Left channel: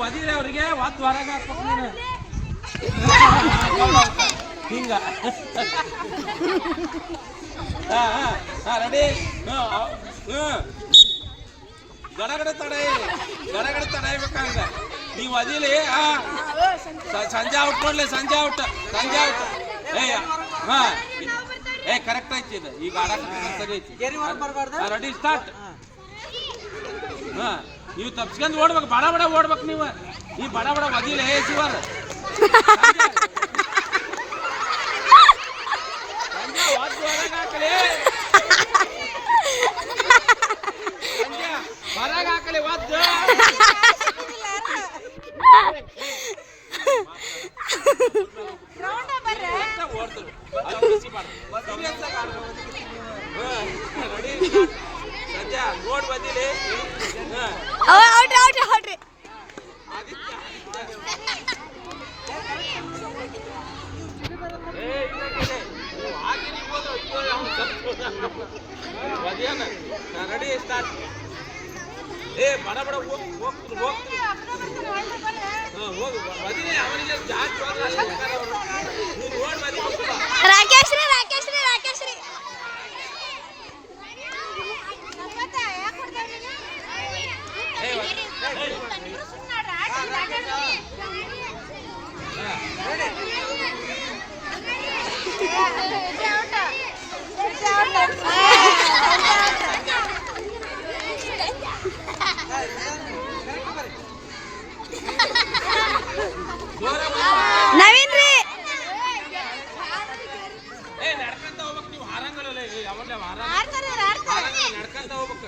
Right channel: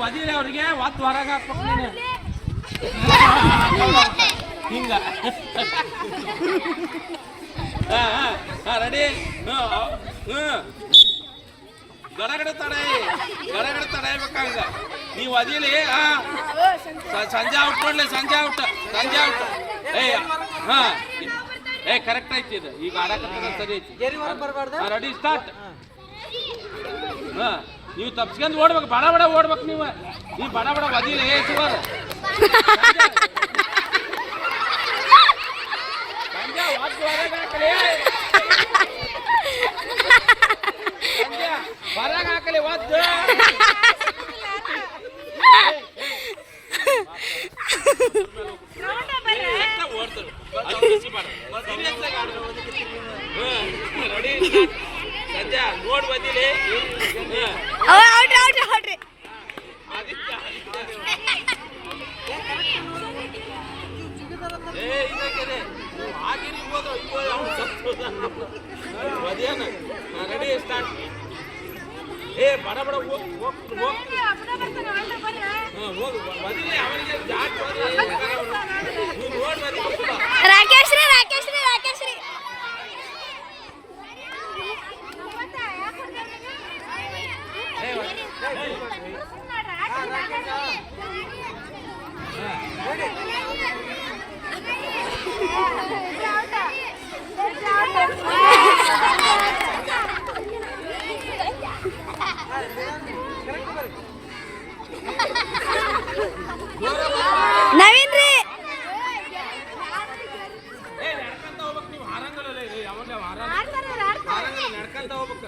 ಒದಿರಿ ಅವ್ರಿಗೆ ಒತ್ತು ಹೊರಗೆ ಹಾಕ್ಬೇಕು ನೀನು. ಹಿಂಗ. ಹಾ ಹಾ ಹಾ ರೆಡಿ ಹ್ಞೂ ಗಡಗಡ ತಡೆ ಗಡಗಡ ತಡೆಯಬೇಕಂಗ ನೀವು ಅದಿಲಿ ಸಂಜೆ ಔಟ್ ನೋಡ್ಲಿ ಸಂಜೆ ಔಟ್ ಸಂಜೆ ಔಟ್. ಏಯ್ ಹಾ. ಏ ಕರೆಕ್ಟ್ ಐತಿ ಇದು. ಈಗ ಆಡಕ್ಕೆ ಸರಿ ಐತಿ. ರೆಡಿ ಸ್ಟಾರ್ಟ್ ನೀವು ತಪ್ಸ್ಕೊಂಡು ಓಡ್ಬೇಕು ಬಡ ಬಡ ಓಡ್ಬೇಕು ನೀವು ಈ ಬಡ ಬಡ ಬದಿಲಿ ಏ ಶಿವರ್ ಸಂಜೆ ವಾದ್ಯ ಹೊರಗೆ ಹಾಕಲಿ ಸಂಜೆ ಹೊರಗೆ ಹಾಕಲಿ ವಾದ್ಯ ಓಡ್ತಾರೆ ಅದು ಬಿಸಿಬಾರ್ದು. Serious ಆಗಿ ಆಡ್ಬೇಕು. ಹ್ಮ್. Ready? Start. ಸಂಜೆ ನೋಡ್ ಬಂದಿಲಿ ಔಟ್ ಔಟ್ ಔಟ್ರಿ ಆದಿತ್ಯ ಏ ಇದಾಗಿದೆ ನೀವು ಆಗಿರಿ ಇರ್ಬೋದು ಅಯ್ಯೋ ಅವ್ನು ಸತ್ತೋದ ಮಧ್ಯಾಹ್ನ ರೆಡಿ ಸ್ಟಾರ್ಟ್ ಏ ಬಡ ಬಡ ಹೋಗ್ ಹೋಗ್ತಾರೆ ಹೋಗ್ತಾರೆ ಹಾಂ ಹೋಗು ಮದಿಲೆ ಅವನಿಗೆ ಜಾಸ್ತಿ ಹೋದ್ರೆ ಅಲ್ಲಿ ಹೋಗ್ತಾರೆ ಅವ್ರು. ನೀನು ನೋಡಿ ಮದಿ ಹೋಗ್ತದ ರಾಕೇಶ್ ರೀ ರಾಕೇಶ್ ರೀ ರಾಕೇಶ್ ನವೀನ್ ರೀ ಏ ನಡ್ಕಂತ ಹೋಗ್ಬೇಕು ನೀವು ಹಾರಂಗಲ್ಲ ಏ ಯಾವಲ್ಲ ಹಾರಂಗ ಹಾರಂಗಲ್ಲ ನಡ್ಕಂತ ಹೋಗ್ಬೇಕು